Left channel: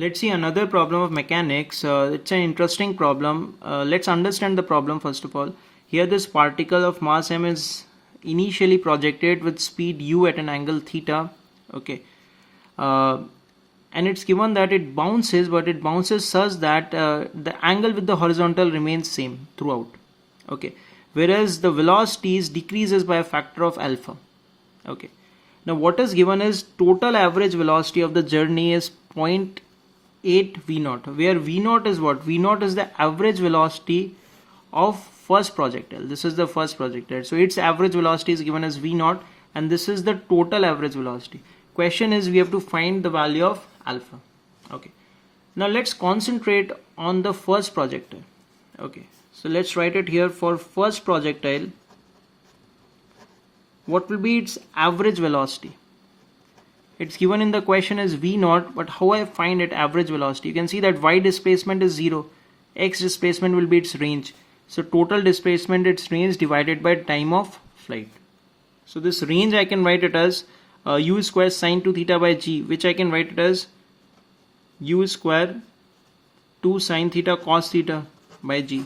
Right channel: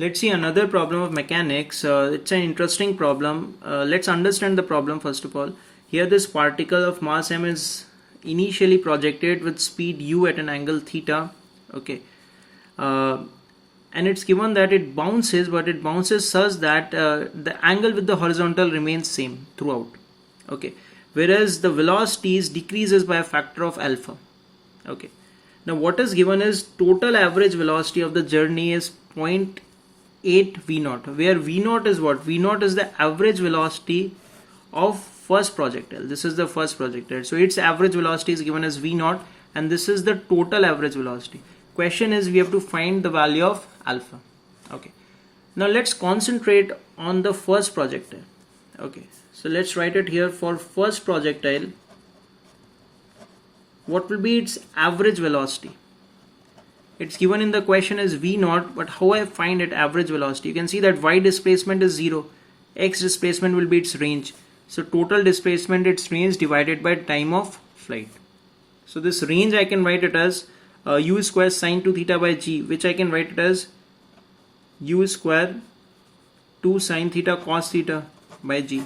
Let's see another problem of mechanics. It's an interesting problem. Let's understand the problem first of all. Here this particle of mass m is initially projected with speed u at an angle theta. Okay. And it's given that it bounces, but it bounces such that the angle with the horizontal remains same throughout. Okay. Whereas the velocities decreases by a factor of alpha. Okay. Now what is given is total average velocity of the journey is 0.8 v0, where v0 is what? v0 is the average velocity of first projectile. This is the first projectile. So its average velocity is given as v0 and this is the total average velocity. Question is we have to find the value of alpha. Okay. Now let's concentrate on the first projectile. Okay. So let's write it here for first projectile. What will be its average velocity? It's given in the question as v0, but how I find it average velocity? You can see that y displacement is 0, x displacement will be its range. So total displacement its range divided by time of flight. So this range I can write it as u square sine 2 theta by g, which I can write it as u square 2 sine theta cos theta by g.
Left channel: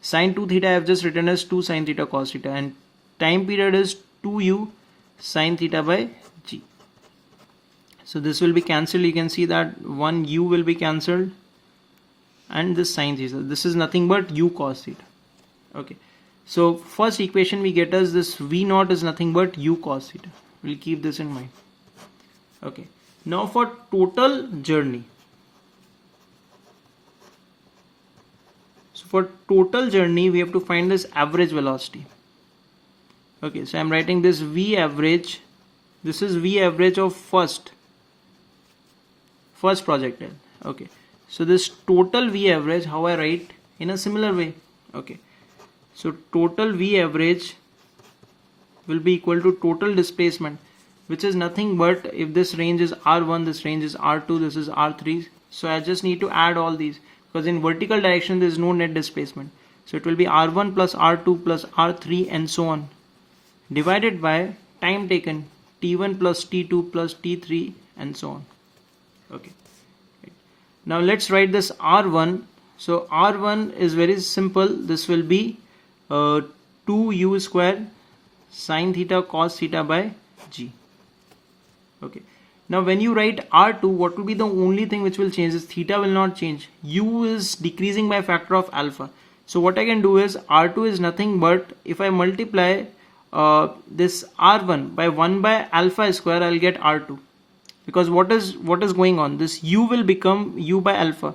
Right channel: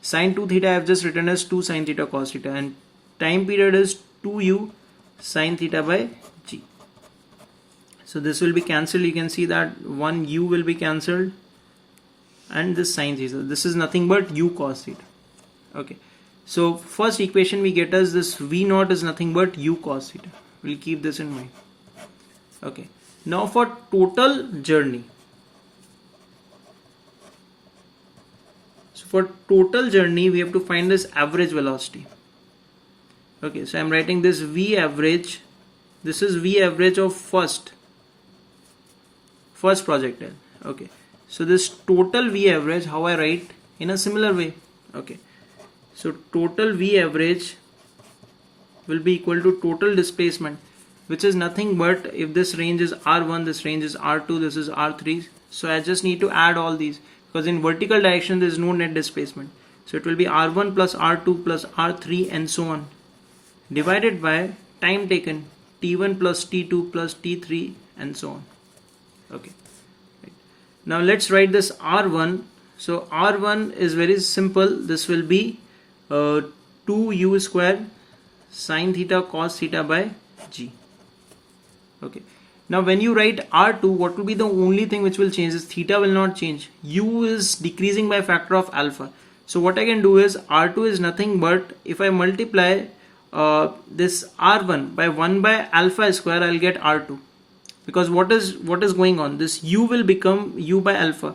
Sine 2 theta I have just written as 2 sine theta cos theta, and time period is 2u sine theta by g. So this will be cancelled. You can see that one u will be cancelled and this sine theta. This is nothing but u cos theta. Okay. So first equation we get as this v0 is nothing but u cos theta. We'll keep this in mind. Okay. Now for total journey. So for total journey we have to find this average velocity. Okay. So I'm writing this v average. This is v average of first projectile. Okay, so this total v average, how I write in a similar way. Okay, so total v average will be equal to total displacement, which is nothing but if this range is r1, this range is r2, this is r3. So I just need to add all these because in vertical direction there is no net displacement. So it will be r1 plus r2 plus r3 and so on, divided by time taken, t1 plus t2 plus t3 and so on. Okay. Now let's write this R1. So R1 is very simple. This will be 2u square sine theta cos theta by g. Okay. Now when you write R2, what will be the only thing which will change is theta will not change. U is decreasing by a factor of alpha. So what I can do is R2 is nothing but if I multiply this R1 by 1 by alpha square, I'll get R2. Because what is going on, this u will become u by alpha,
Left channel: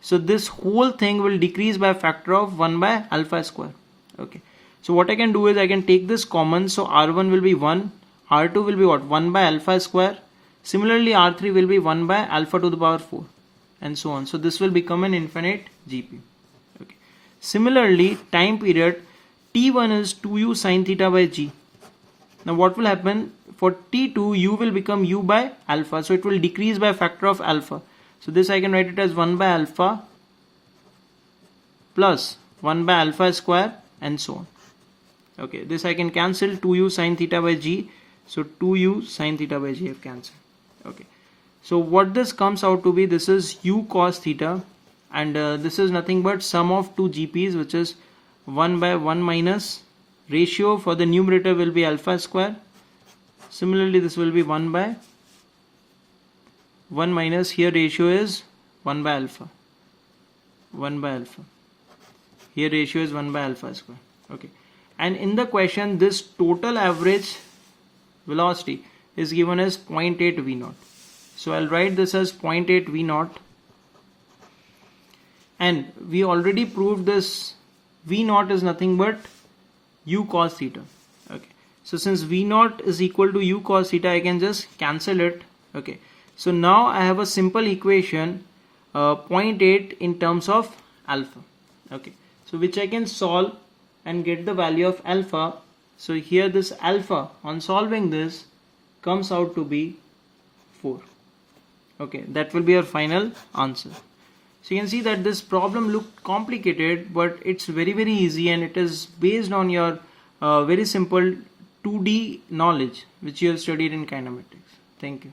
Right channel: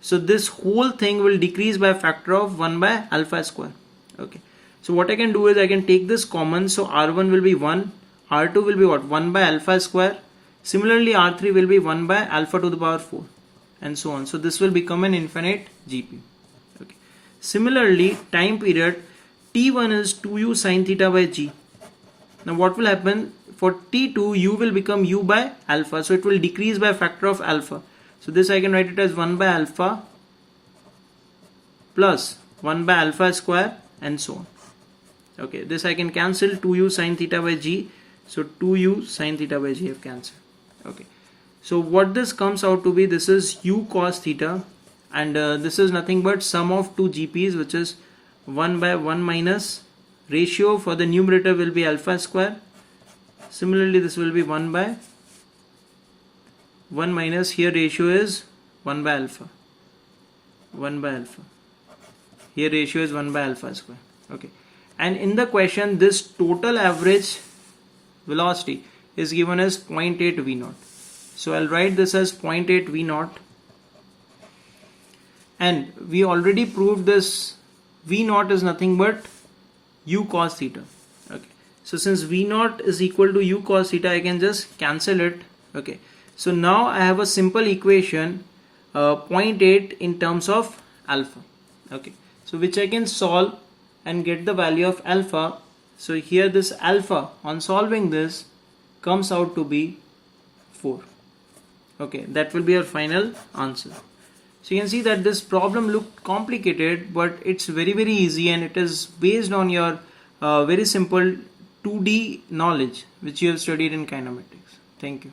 so this whole thing will decrease by a factor of 1 by alpha square. Okay, so what I can do is I can take this common, so r1 will be 1, r2 will be what, 1 by alpha square, similarly r3 will be 1 by alpha to the power 4 and so on. So this will become an infinite GP. Okay. Similarly time period t1 is 2u sine theta by g. Now what will happen? For t2 u will become u by alpha, so it will decrease by a factor of alpha. So this I can write it as 1 by alpha plus 1 by alpha square and so on. Okay, this I can cancel 2u sine theta by g, so 2u sine theta by g I have cancelled. Okay, so what this comes out to be, this is u cos theta and this is nothing but sum of two GPs, which is 1 by 1 minus ratio for the numerator will be alpha square. Similarly this will be 1 by 1 minus, here ratio is 1 by alpha, 1 by alpha, here ratio is 1 by alpha square. Okay, and in the question this total average velocity is given as 0.8 v0. So I'll write this as 0.8 v0, and we already proved this v0 is nothing but u cos theta. Okay, so since v0 is equal to u cos theta, I can just cancel it. Okay, so now I have a simple equation 0.8 in terms of alpha. Okay, so which I can solve and get the value of alpha. So here this alpha on solving this comes out to be 4. Okay, that will be our final answer. So you can see that this problem looked complicated, but it's very easy, and it is based on your very simple 2D knowledge which you have studied in kinematics. Thank you.